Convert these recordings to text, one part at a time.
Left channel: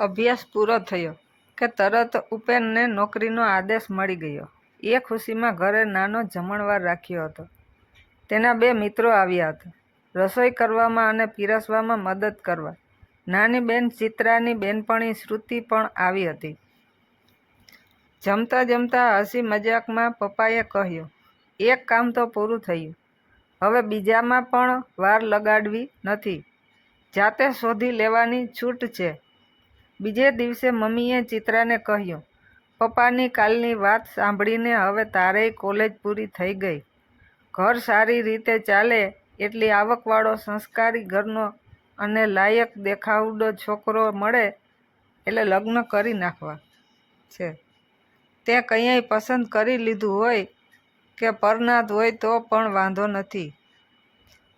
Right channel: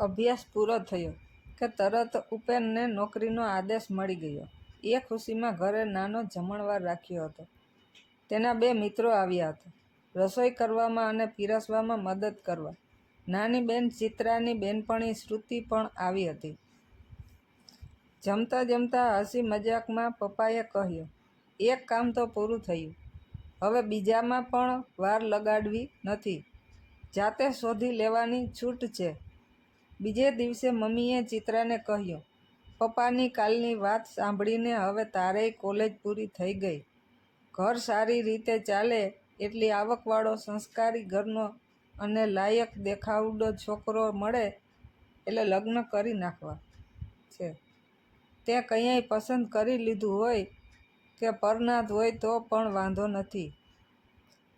અભ્યાસ પૂરો થયો કે તરત ઉપેનને નોકરીનો આદેશ મળી ગયો. એ ખુશીમાં ઘરે નાનો જમણવાર રાખ્યો હતો. તેના 2 મિત્રો આવ્યા હતા, રસોઈ કરવામાં અને પીરસવામાં મદદ કરવા. નાની બેન ચિત્રાની બેનપણી શ્રુતિ પણ આવી હતી. જમતા જમતા હસી મજાકમાં પપ્પાએ કહ્યું, એક કામ તો પૂરું થયું, હવે બીજામાં પણ વાર લગાડવી નથી, જાતે શોધી લેવાની છૂટ છે. બીજે દિવસે મમ્મીએ ચિત્રાને કહ્યું, પપ્પાની કાલની વાત સાંભળીને હવે તારેય કોલેજ પૂરી થઈ ગઈ. ઘર સારી રીતે ચાલે એટલી આવકવાળો સંસ્કારી ઘરનો અને લાયક દેખાવડો છોકરો મળે એટલે લગ્ન કરી નાખવા છે. તે કંઈય પસંદ કરી લીધું હોય કે પરનાત હોય તો પણ વાંધો નથી.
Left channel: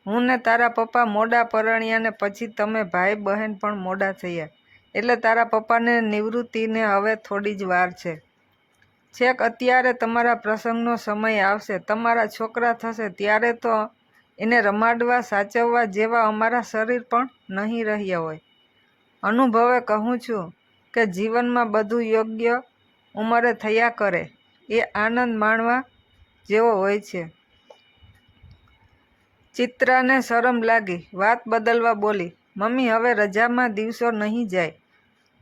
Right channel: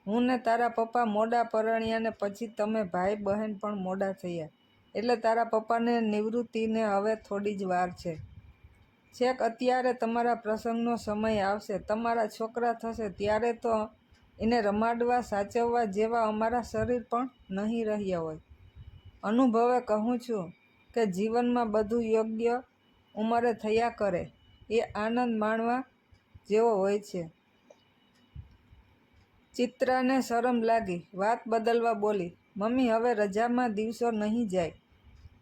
હું ને તારા પપ્પા મોડા પરણ્યા ને પછી તમે ભાઈ બહેન પણ મોડા થયા એટલે તારા પપ્પાને નિવૃત્તિને હવે થોડી જ વાર છે. છેક અત્યારે તમારા પ્રસંગનો સમય આવશે, તમારા છોકરા થશે ત્યારે તો એને રમાડવા સાચવવા જેવા અમારા શરીર પણ નહીં રહ્યા હોય. અનુભવે કહું છું કે જીવનમાં બધું યોગ્ય ઉંમરે થયા કરે એ આનંદ માણવા જેવો હોય છે. ચિત્રાને શરમ લાગી, વાત બદલવા બોલી, મમ્મી હવે રજામાં દિવસો નહીં જાય,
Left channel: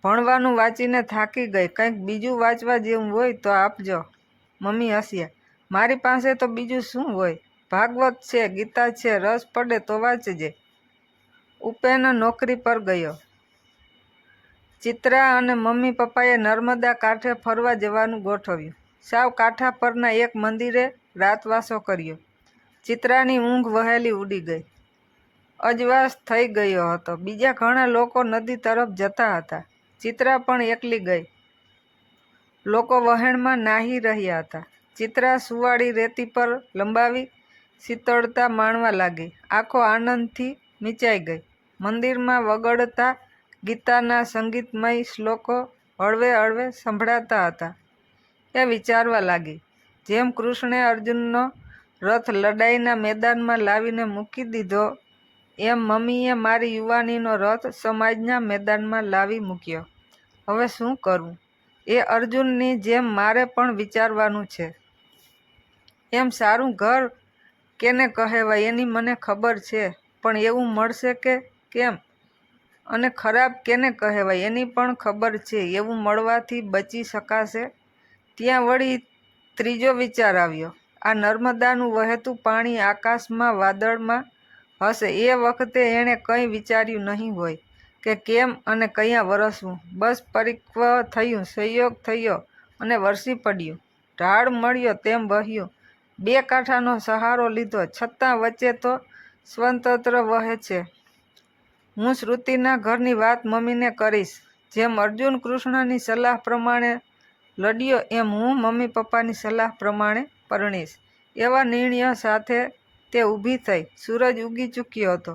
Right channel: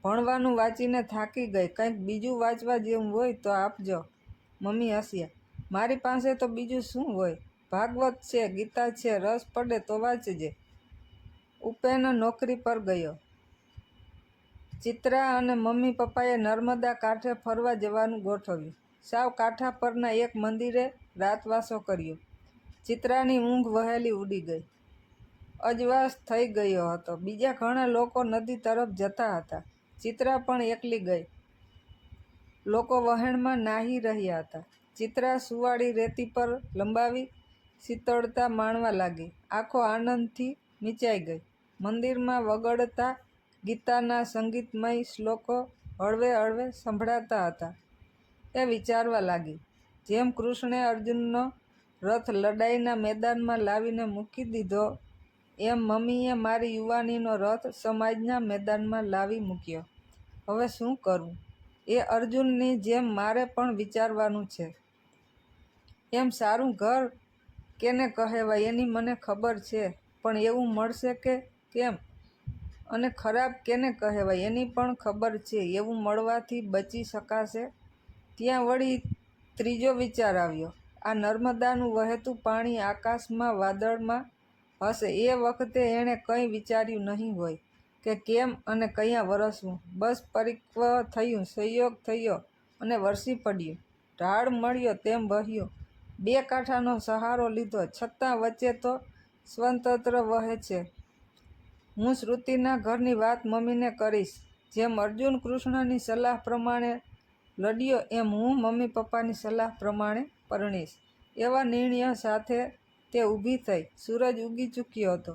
ભણવાનું વાંચીને થાકી ગઈ, કંઈક બીજું વાંચવા જેવું હોય તો આપજો. મમ્મી હસ્યા, મારી પાસે તો બીજું શું હોય, ભાગવત છે, ગીતા છે, રસ પડે તો વાંચજે. ઉપેન નોકરી પર ગયો. ચિત્રા અને મમ્મી પપ્પાએ નર્મદા કાંઠે ફરવા જવાનું ગોઠવ્યું. સાવ કાંઠા પરના એક મંદિરે રાતવાસો કર્યો. ચિત્રાની ઊંઘ વહેલી ઉડી ગઈ. અજવાસ થઈ ગયો હતો. બીજા ઘણા લોકો નદી તરફ જતા હતા. ચિત્રા પણ એકલી ગઈ. લોકો વહેણમાં નાહી રહ્યા હતા. ચિત્રા સુવાળી રેતી પર લંબાવી શીતળતા માણવા લાગી. આંખો આનંદથી મીંચાઈ ગઈ. મંદિરમાં વગડતા ગીતાના સંગીતમય શ્લોકો હળવે હળવે સંભળાતા હતા. એ વિચારવા લાગી, જેમ કૃષ્ણે અર્જુનનો રથ લડાઈના મેદાનમાં લાવીને મૂકી દીધો એમ મમ્મીએ મારી યુવાનીનો રથ સમાજના મેદાનમાં લાવી મૂક્યો. હવે શું કરવું એ અર્જુનની જેમ મારે પણ વિચારવાનું છે. એમ સારું ઘર કેને કહેવાય એની મને ખબર છે, પણ એવું મળશે કે કેમ? અને ખરાબ કેને કહેવાય એની પણ ખબર છે, એવું મળવાથી બચી શકાશે? ત્યાં વળી ત્રીજો વિચાર આવ્યો, આ નર્મદાનું વહેતું પાણી આકાશમાં વાદળમાં હશે એ વખતે એણે કંઈ વિચાર્યું નહીં હોય કે કેમ અને કયાં વરસવું. બસ પરિક્વ થયું, સંયોગ થયો અને વરસી પડ્યું. ઢાળ મળ્યો તેમ વહ્યું. 2 કાંઠાનો સહારો લીધો છતાં વચ્ચે તો સ્વતંત્ર વહે છે. હું શ્રુતિના ઘરની વાત મમ્મીને કરીશ. જેમ અર્જુન કૃષ્ણની સલાહ પ્રમાણે લડ્યો એમ હું મમ્મી પપ્પાની સલાહ પ્રમાણે પરણીશ. એવા નિર્ણય સાથે તે ઊભી થઈ. સૂરજ ઉગી ચૂક્યો હતો.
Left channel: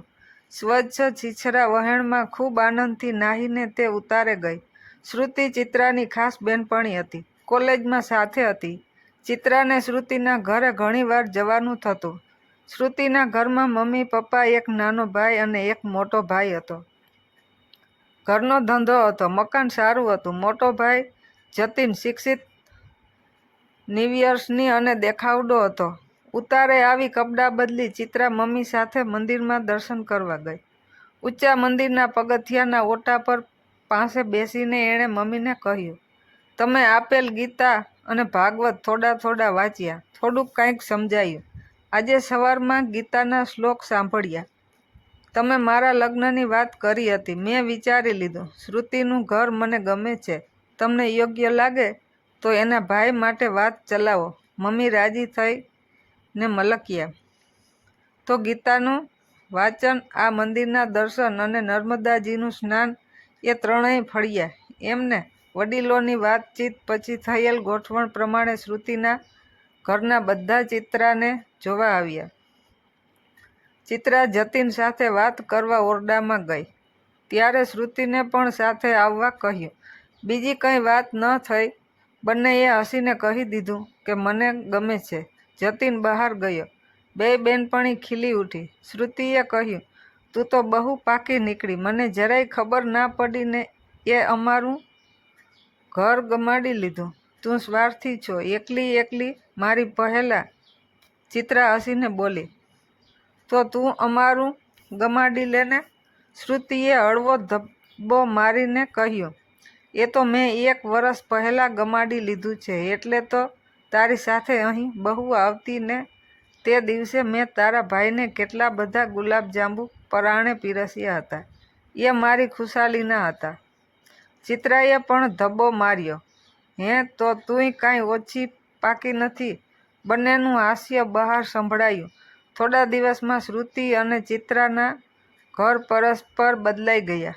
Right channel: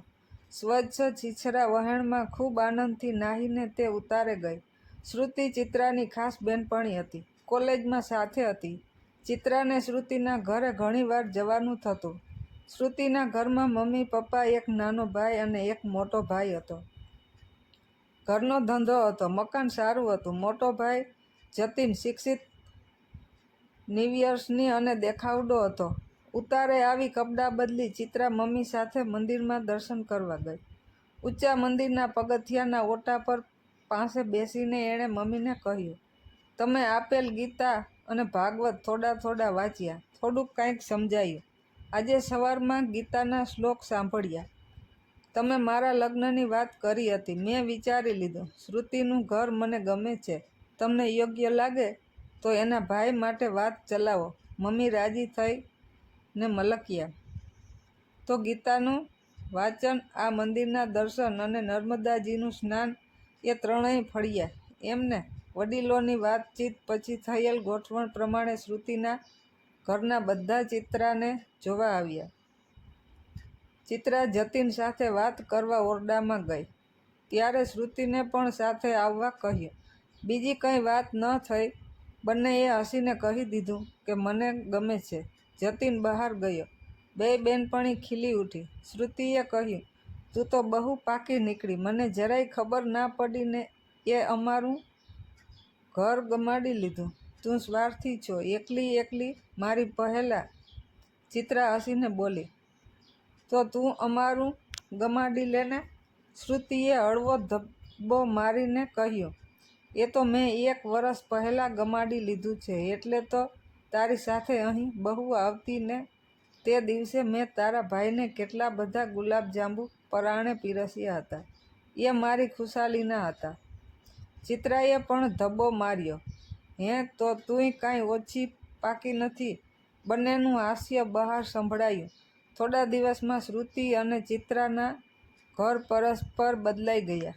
સ્વચ્છ છીછરા વહેણમાં ખૂબ આનંદથી નાહીને તે ઉતારે ગઈ. શ્રુતિ ચિત્રાની ખાસ બેનપણી હતી. કોલેજમાં સાથે હતી. ચિત્રાને શ્રુતિના ઘરે ઘણીવાર જવાનું થતું. શ્રુતિના ઘરમાં મમ્મી પપ્પા, એક નાનો ભાઈ અને એક મોટો ભાઈ હતો. ઘરનો ધંધો હતો. મકાન સારું હતું. મોટો ભાઈ જતીન શિક્ષિત, નિર્વ્યસની અને દેખાવડો હતો. ઉતારે આવી કપડાં બદલી ચિત્રા મમ્મી સાથે મંદિરમાં દર્શન કરવા ગઈ. ઊંચા મંદિરના પગથિયાના ઓટા પર પાસે બેસીને એણે મમ્મીને કહ્યું, તમે આપેલ ગીતા અને ભાગવત થોડા થોડા વાંચ્યા, થોડુંક કંઈક સમજાયું. આજે સવારમાં ગીતાના શ્લોક સાંભળ્યા. તમે મારા લગ્નની વાત કરી હતી. મેં વિચારી લીધું, શ્રુતિનું ઘર મને ગમે છે. તમને યોગ્ય લાગે તો એના ભાઈ માટે વાત ચલાવો. મમ્મી રાજી થઈ ને મલક્યા. તો ગીતાનું વાંચન, આ મંદિરના દર્શન અને નર્મદાજીનું સ્નાન એ ત્રણેય ફળ્યા. એમને વડીલોની વાતચીત પછી થયેલ ગોઠવણ પ્રમાણે શ્રુતિના ઘરના બધા ચિત્રાને જોવા આવ્યા. ચિત્રા જતીન સાથે વાત કરવા ઓરડામાં ગઈ ત્યારે શ્રુતિને પણ સાથે આવવા કહ્યું. બીજી કંઈ વાત ન થઈ. બંનેએ હસીને કહી દીધું કે મને ગમે છે. જતીન બહાર ગયો. 2 બેનપણી ખીલી ઉઠી. શ્રુતિએ કહ્યું, તું તો બહુ પાકી નીકળી, મને જરાય ખબર ના પડી ને એ અમારું ઘર ગમાડી લીધું. તું સ્વાર્થી છો. એકલી મારી પહેલાં. ચિત્રા હસીને બોલી. તો તું અમારું ગમાડી લેને. શ્રુતિએ હળવો ધબ્બો મારીને કહ્યું. એ તો મેં 1 વર્ષ પહેલાં ગમાડી લીધું છે. એટલે તો તારી સાથે અહીં બહુ આવતી ને તે દિવસે મેં તારા ભાઈને કેટલા બધા ગુલાબજાંબુ પરાણે પીરસ્યા હતા. એ મારી ખુશાલીના હતા. ચિત્રાએ પણ ધબ્બો માર્યો. હે, તો તુંય કાંઈ ઓછી પાકી નથી. બંનેનું હાસ્ય બહાર સંભળાયું. થોડા દિવસમાં શ્રુતિ અને ચિત્રાના ઘર પરસ્પર બદલાઈ ગયા.